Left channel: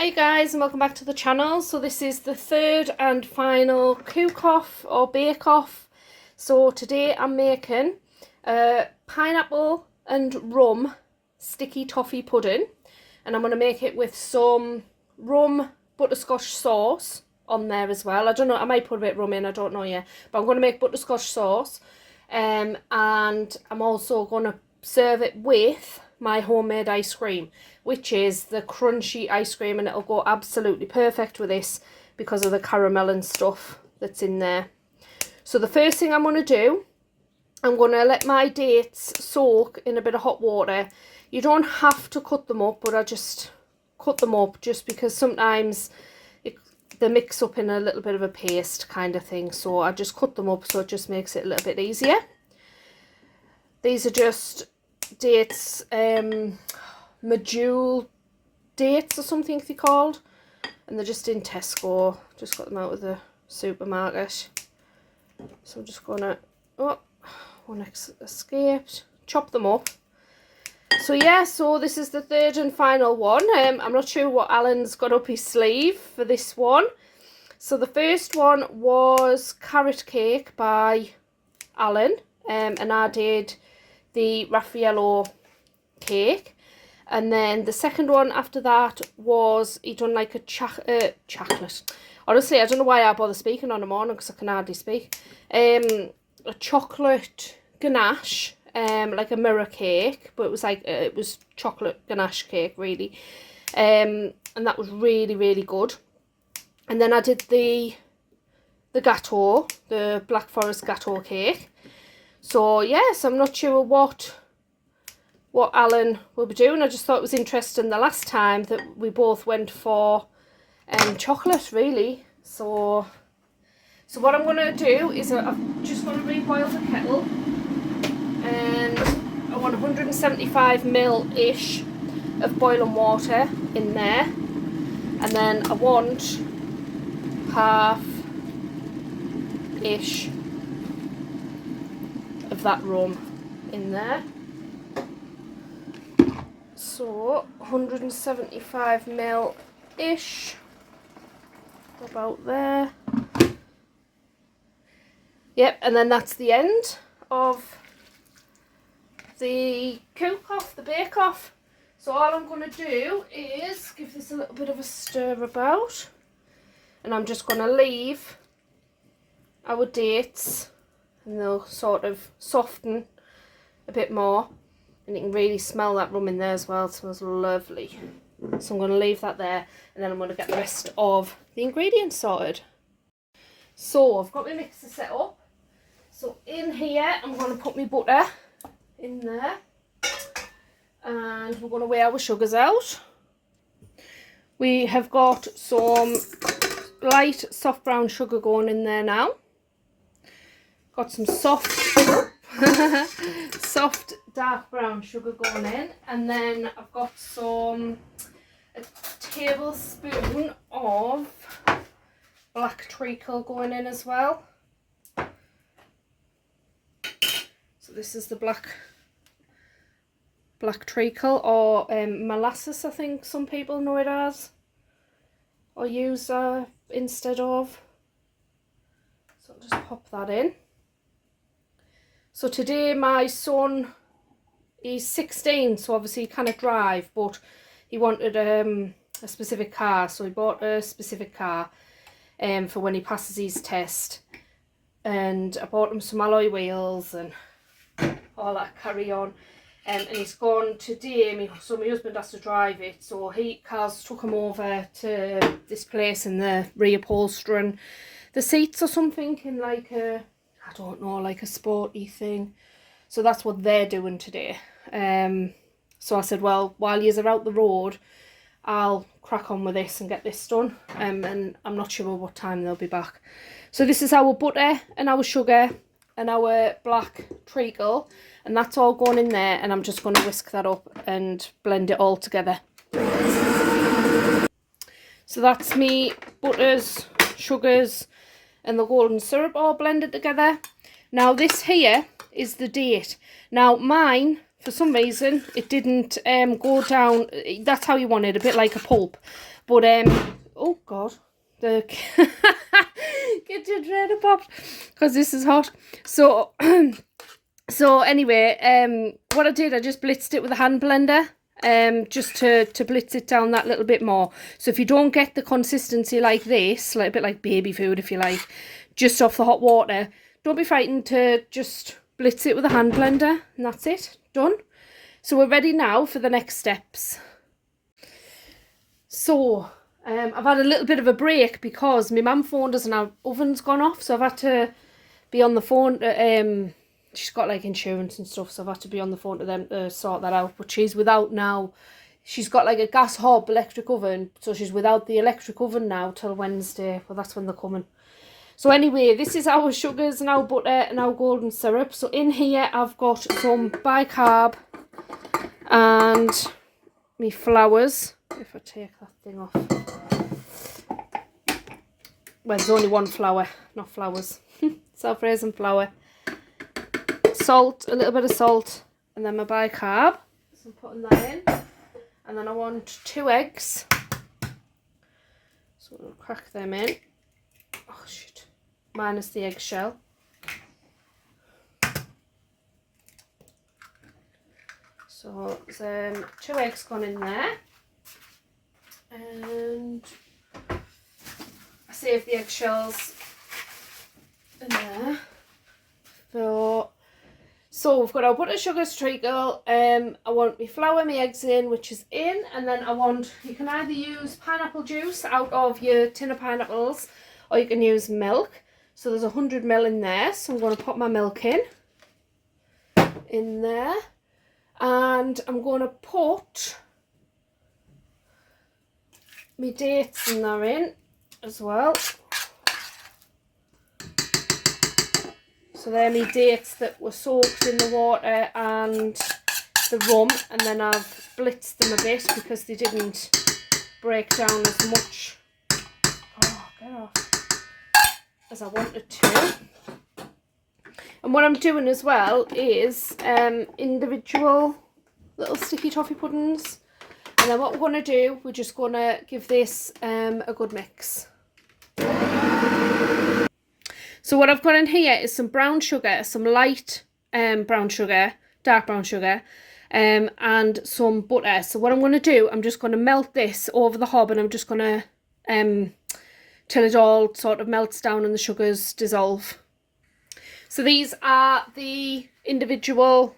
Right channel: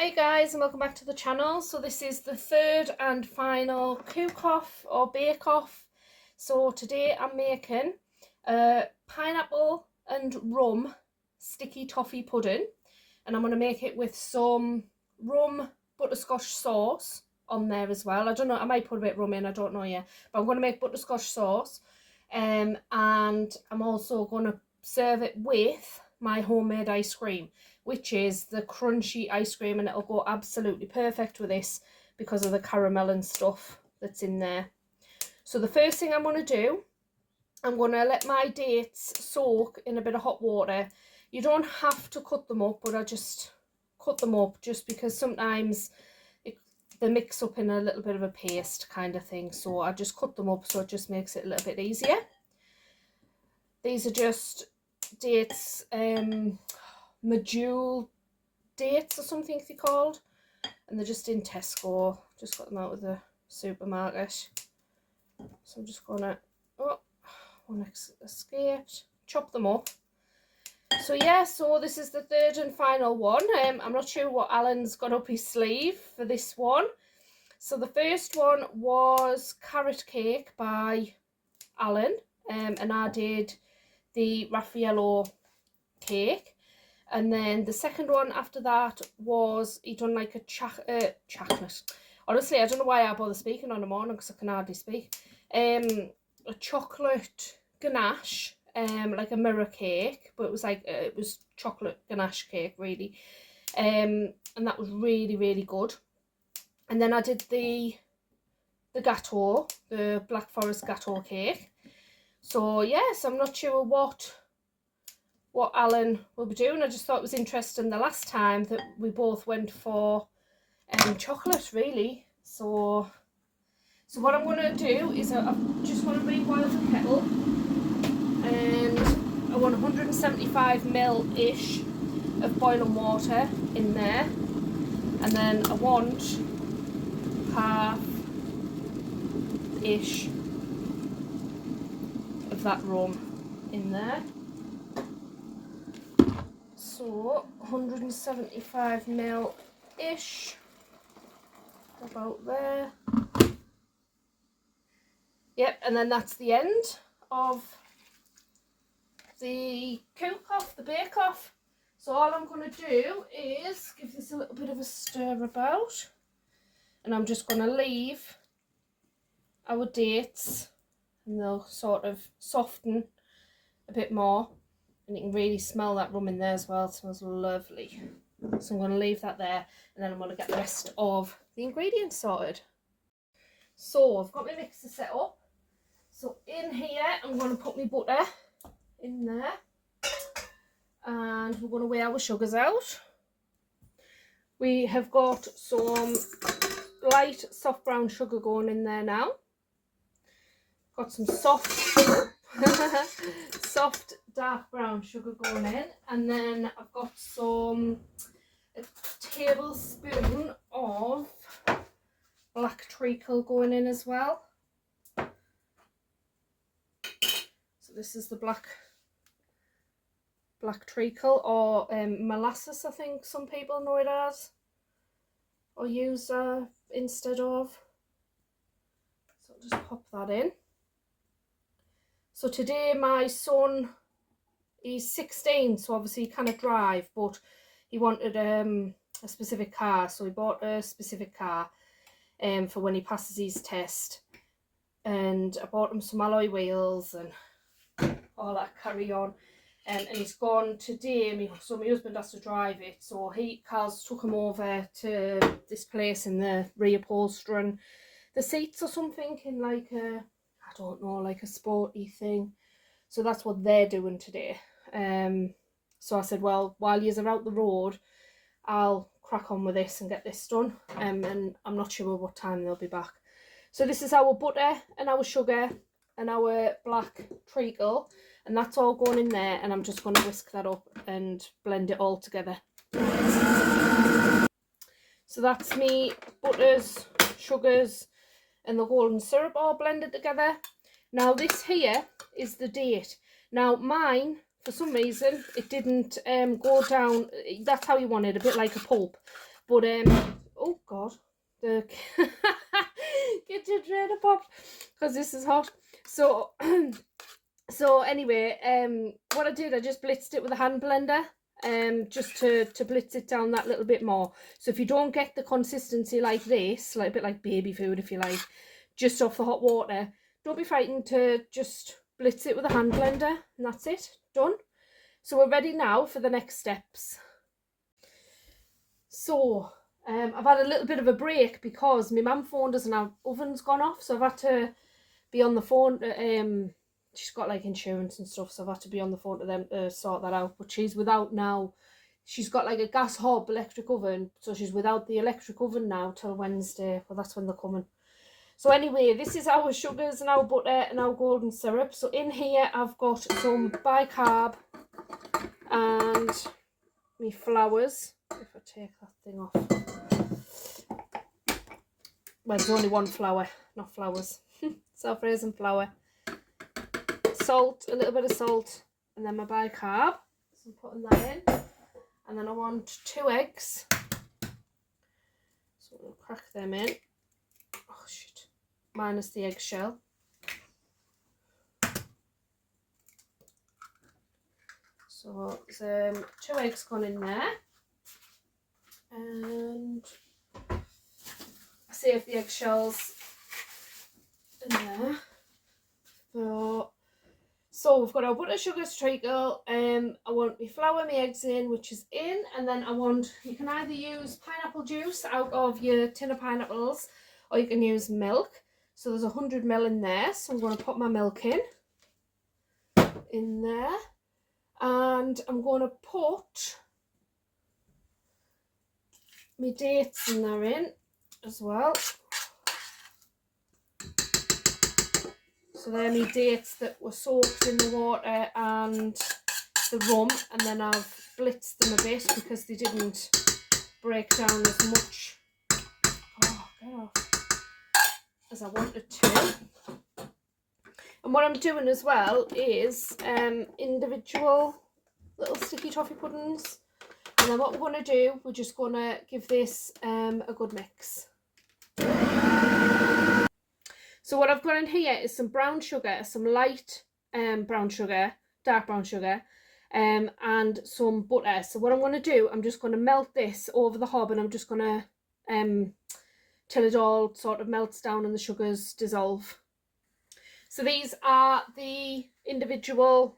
Hi guys, and welcome back to the channel. So this is the third and final cook-off or bake-off. So today I'm making pineapple and rum sticky toffee pudding, and I'm going to make it with some rum butterscotch sauce on there as well. I don't know, I might put a bit of rum in, I don't know yet, but I'm going to make butterscotch sauce, and I'm also going to serve it with my homemade ice cream, which is the crunchy ice cream, and it'll go absolutely perfect with this because of the caramel and stuff that's in there. So the first thing I'm going to do, I'm going to let my dates soak in a bit of hot water. You don't have to cut them up, but I just cut them up just because sometimes they mix up in a little bit of a paste kind of thing. So I just cut them up so it just makes it a little bit easier. These are just dates, Medjool dates or something they're called, and they're just in Tesco. Just got them out of the supermarket. So I'm just gonna, oh, one escaped, chop them up. So yeah, so this is the third and final one. I'm not sure what Alan's got up his sleeve for this one. So the first one was carrot cake by Alan, and I did the Raffaello cake. And then the second one after that was, he done like a chocolate. Honestly, I don't know why I bother speaking on the morning because I can hardly speak. A chocolate ganache, like a mirror cake, but it was like, it was chocolate ganache cake really. And that was really, really good. And then I did the gâteau, the Black Forest gâteau cake. So yes, I'm not sure what Alan will be doing. I just thought it was interesting the last time that we both went for chocolate really. So what I'm going to do is I'm just going to reboil the kettle, and I want 175ml-ish of boiling water in there, and then I want half-ish of that rum in there. So 175ml-ish, about there. Yep, and then that's the end of the cook-off, the bake-off. So all I'm going to do is give this a little bit of a stir about, and I'm just going to leave our dates, and they'll sort of soften a bit more. And you can really smell that rum in there as well. It smells lovely. So I'm going to leave that there, and then I'm going to get the rest of the ingredients sorted. So I've got my mixer set up. So in here I'm going to put my butter in there, and we're going to weigh our sugars out. We have got some light soft brown sugar going in there now. Got some soft dark brown sugar going in, and then I've got a tablespoon of black treacle going in as well. So this is the black treacle, or molasses, I think some people know it as, or use instead of. So I'll just pop that in. So today my son, he's 16, so obviously he cannot drive, but he wanted a specific car, so he bought a specific car for when he passes his test. And I bought him some alloy wheels and all that carry on. And he's gone today, so my husband has to drive it, so Carl's took him over to this place, and they're reupholstering the seats or something in like a, I don't know, like a sporty thing. So that's what they're doing today. So I said, well, while you're out the road, I'll crack on with this and get this done. And I'm not sure what time they'll be back. So this is our butter and our sugar and our black treacle, and that's all going in there, and I'm just going to whisk that up and blend it all together. So that's me butters, sugars and the golden syrup all blended together. Now this here is the date. Now mine, for some reason it didn't go down. That's how you want it, a bit like a pulp. But oh god, the get your dreader popped because this is hot. So so anyway, what I did, I just blitzed it with a hand blender, just to blitz it down that little bit more. So if you don't get the consistency like this, like a bit like baby food if you like, just off the hot water, don't be frightened to just blitz it with a hand blender, and that's it, done. So we're ready now for the next steps. So I've had a little bit of a break because my mum phoned us and our oven's gone off, so I've had to be on the phone. She's got like insurance and stuff, so I've had to be on the phone to them to sort that out. But she's without now. She's got like a gas hob electric oven, so she's without the electric oven now till Wednesday. Well, that's when they're coming. So anyway, this is our sugars and our butter and our golden syrup. So in here I've got some bicarb and me flowers. If I take that thing off. Well, there's only one flour, not flowers. Self-raising flour. Salt, a little bit of salt, and then my bicarb. So I'm putting that in. And then I want 2 eggs. So I'll crack them in. Oh shit. Minus the eggshell. So there's 2 eggs gone in there. And I saved the eggshells in there. So we've got our butter, sugar, treacle. I want my flour, my eggs in, which is in, and then I want, you can either use pineapple juice out of your tin of pineapples, or you can use milk. So there's 100 ml in there, so I'm going to put my milk in there, and I'm going to put my dates in there in as well. So they're my dates that were soaked in the water and the rum, and then I've blitzed them a bit because they didn't break down as much, oh, get off, as I wanted to. And what I'm doing as well is individual little sticky toffee puddings. And then what we're going to do, we're just going to give this a good mix. So what I've got in here is some brown sugar, some light brown sugar, dark brown sugar, and some butter. So what I'm going to do, I'm just going to melt this over the hob, and I'm just going to till it all sort of melts down and the sugars dissolve. So these are the individual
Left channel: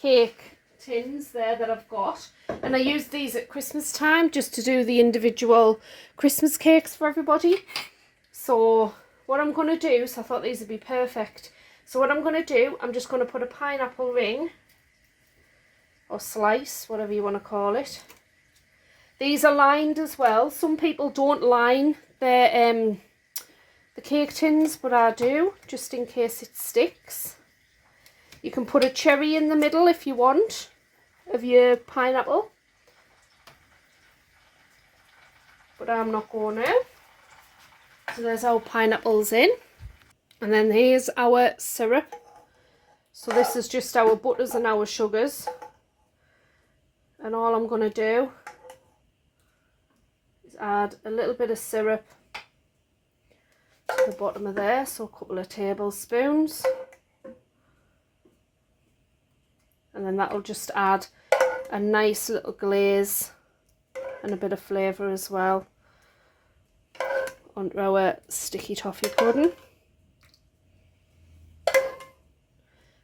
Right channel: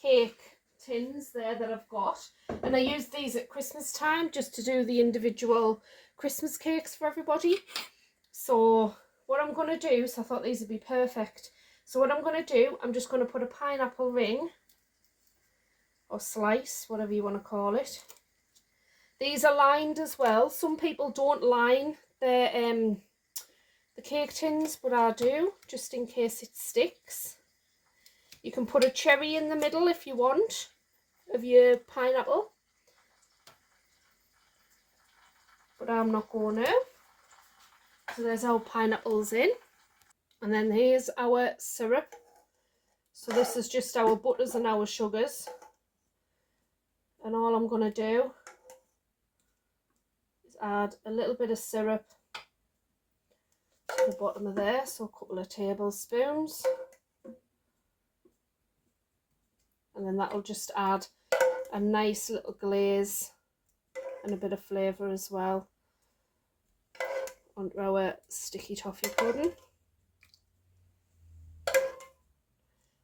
cake tins there that I've got, and I use these at Christmas time just to do the individual Christmas cakes for everybody. So what I'm going to do, so I thought these would be perfect. So what I'm going to do, I'm just going to put a pineapple ring or slice, whatever you want to call it. These are lined as well. Some people don't line their the cake tins, but I do, just in case it sticks. You can put a cherry in the middle if you want of your pineapple, but I'm not going to. So there's our pineapples in, and then here's our syrup. So this is just our butters and our sugars, and all I'm going to do is add a little bit of syrup to the bottom of there, so a couple of tablespoons, and then that'll just add a nice little glaze and a bit of flavour as well onto our sticky toffee pudding.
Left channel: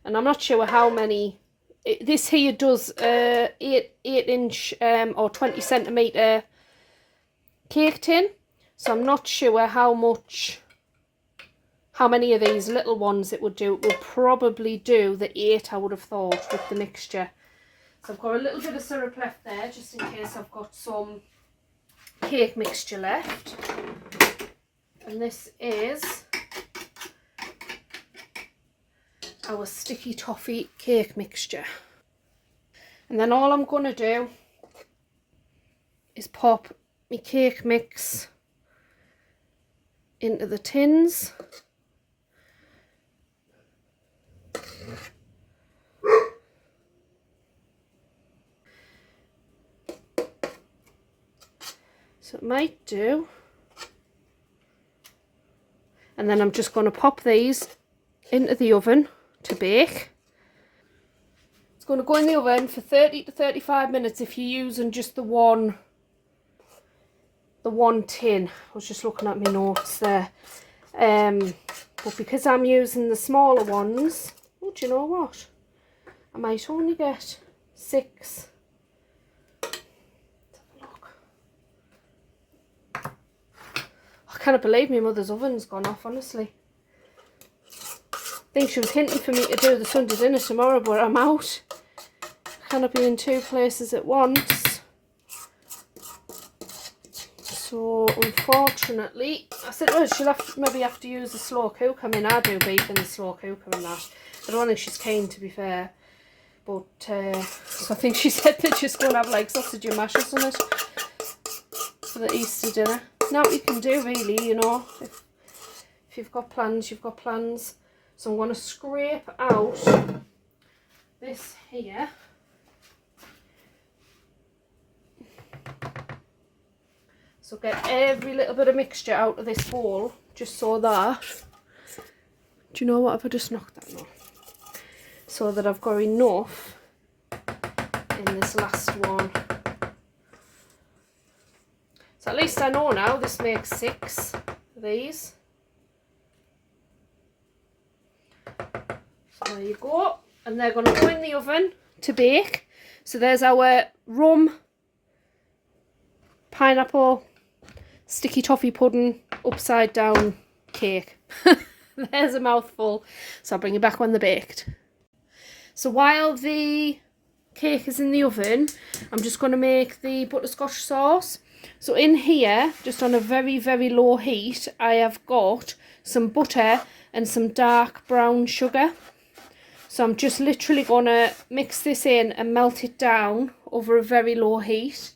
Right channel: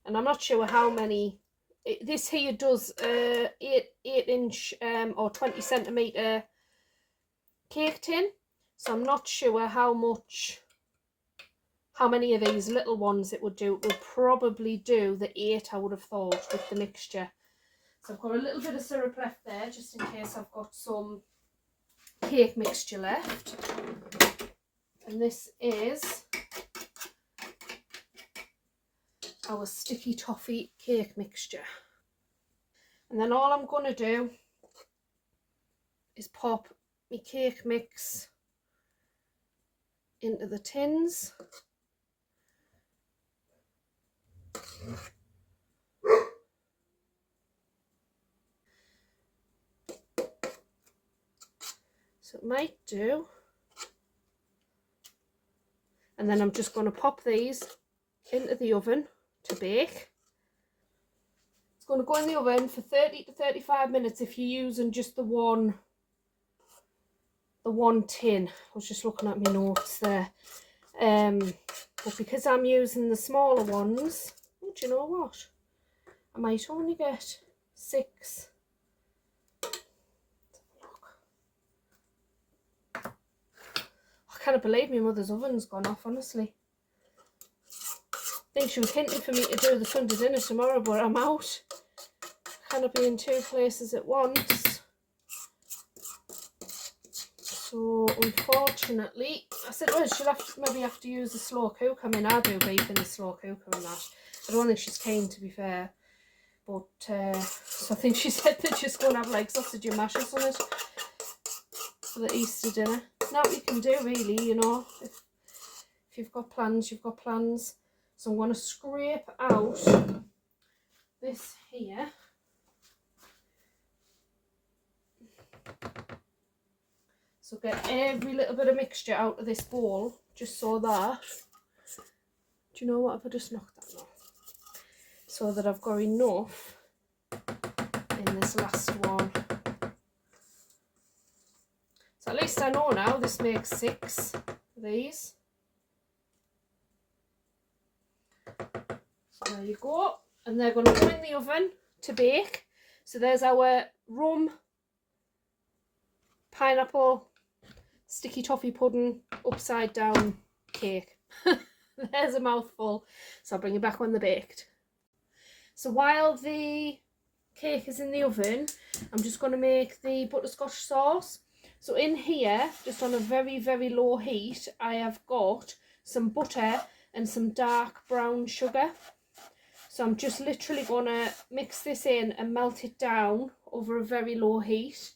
And I'm not sure how many, this here does 8-inch or 20 centimetre cake tin, so I'm not sure how many of these little ones it would do. It would probably do the 8, I would have thought, with the mixture. So I've got a little bit of syrup left there, just in case I've got some cake mixture left. And this is our sticky toffee cake mixture. And then all I'm going to do is pop my cake mix into the tins. So it might do. And then I'm just going to pop these into the oven to bake. It's going to go in the oven for 30 to 35 minutes if you're using just the one tin. I was just looking at my notes there. But because I'm using the smaller ones, oh, do you know what? I might only get 6. Let's have a look. I can't believe my mother's oven's gone off, honestly. I think she was hinting for me to do the Sunday dinner tomorrow, but I'm out. I cannot be in 2 places at once. So unfortunately, I said, well, she'll maybe have to use the slow cooker. I mean, I do beef in the slow cooker and that. I don't think she's keen, to be fair. But so I think she said they're just going to have like sausage and mash or something for the Easter dinner. Now what you can do, really, you know, if you've got plans, you've got plans. So I'm going to scrape out this here. So get every little bit of mixture out of this bowl, just so that, do you know what, if I just knocked that on? So that I've got enough in this last one. So at least I know now this makes 6 of these. So there you go. And they're going to go in the oven to bake. So there's our rum, pineapple, sticky toffee pudding, upside down cake. There's a mouthful. So I'll bring it back when they're baked. So while the cake is in the oven, I'm just going to make the butterscotch sauce. So in here, just on a very, very low heat, I have got some butter and some dark brown sugar. So I'm just literally going to mix this in and melt it down over a very low heat.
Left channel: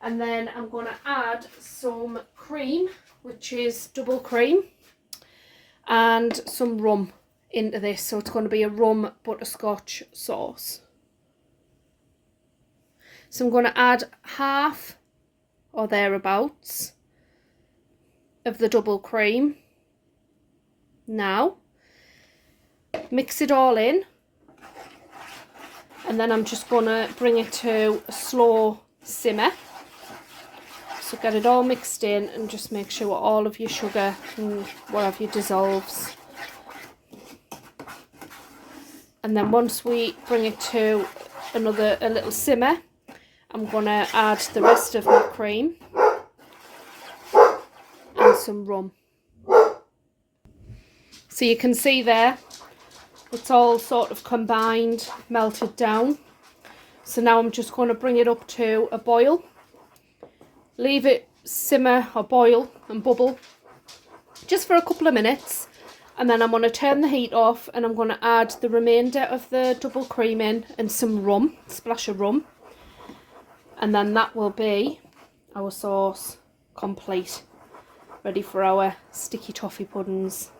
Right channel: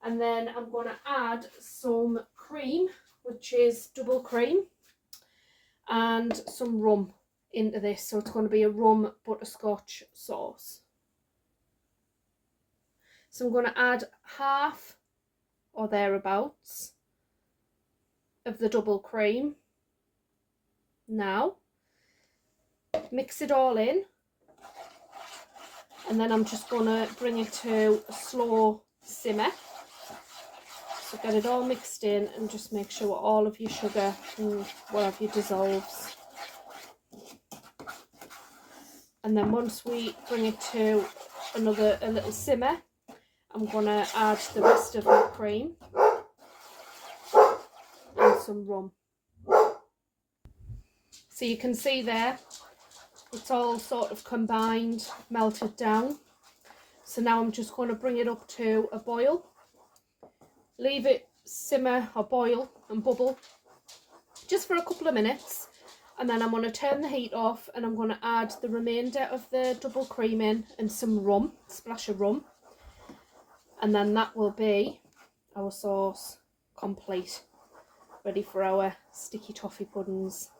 And then I'm going to add some cream, which is double cream, and some rum into this. So it's going to be a rum butterscotch sauce. So I'm going to add half or thereabouts of the double cream. Now, mix it all in, and then I'm just going to bring it to a slow simmer. So get it all mixed in and just make sure all of your sugar and whatever you dissolves. And then once we bring it to a little simmer, I'm going to add the rest of my cream and some rum. So you can see there, it's all sort of combined, melted down. So now I'm just going to bring it up to a boil. Leave it simmer or boil and bubble just for a couple of minutes, and then I'm going to turn the heat off and I'm going to add the remainder of the double cream in and some rum, splash of rum, and then that will be our sauce complete, ready for our sticky toffee puddings.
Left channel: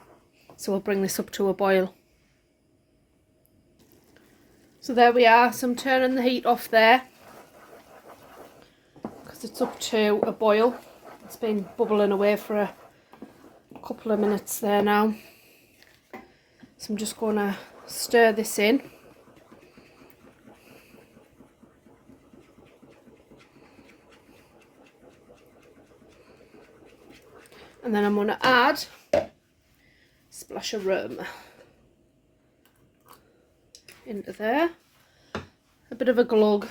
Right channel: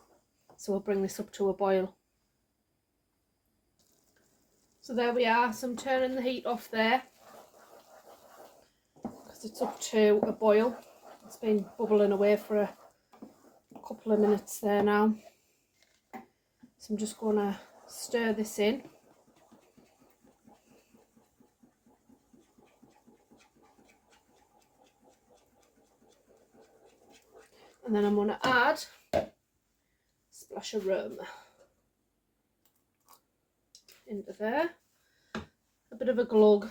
So we'll bring this up to a boil. So there we are. So I'm turning the heat off there, it's up to a boil. It's been bubbling away for a couple of minutes there now. So I'm just going to stir this in. And then I'm going to add a splash of rum into there. A bit of a glug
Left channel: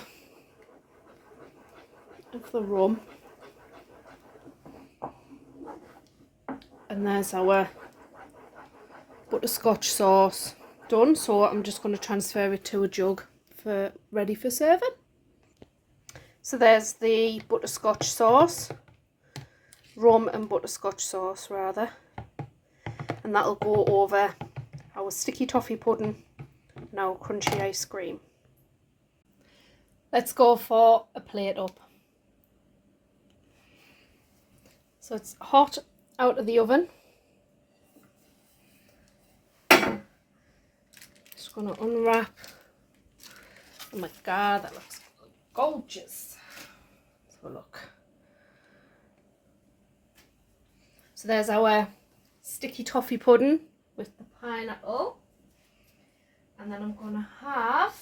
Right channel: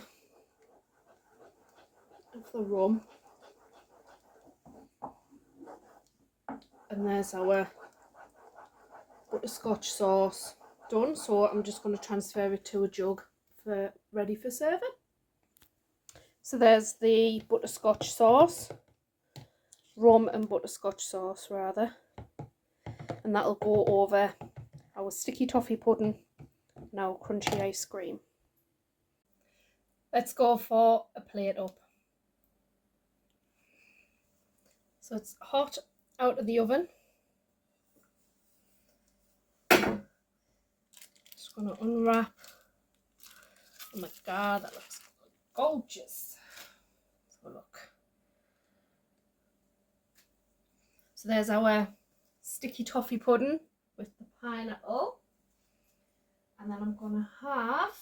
of the rum, and there's our butterscotch sauce done. So I'm just going to transfer it to a jug for ready for serving. So there's the butterscotch sauce, rum and butterscotch sauce rather, and that'll go over our sticky toffee pudding and our crunchy ice cream. Let's go for a plate up. So it's hot out of the oven. Just going to unwrap. Oh my god, that looks gorgeous. Let's have a look. So there's our sticky toffee pudding with the pineapple. And then I'm going to have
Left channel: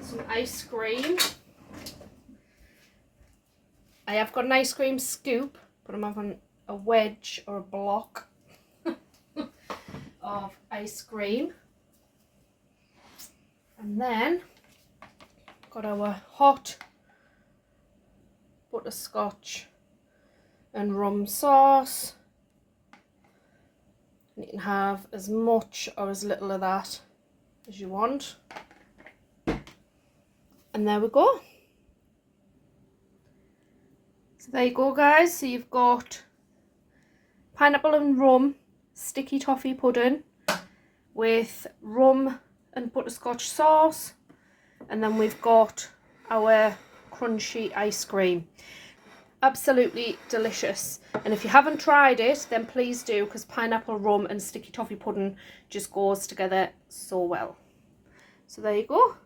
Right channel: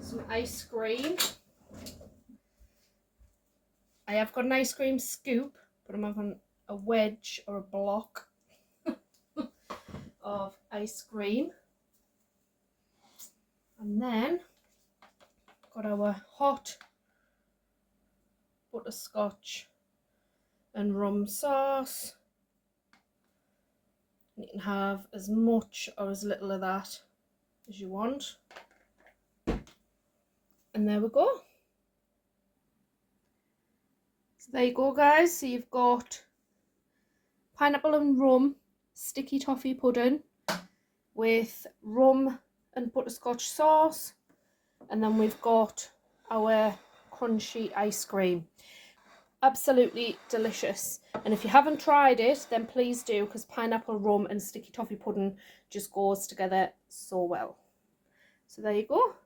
some ice cream. I have got an ice cream scoop, but I'm having a wedge or a block of ice cream. And then got our hot butterscotch and rum sauce. And you can have as much or as little of that as you want. And there we go. So there you go, guys. So you've got pineapple and rum sticky toffee pudding with rum and butterscotch sauce. And then we've got our crunchy ice cream. Absolutely delicious. And if you haven't tried it, then please do, because pineapple, rum and sticky toffee pudding just goes together so well. So there you go.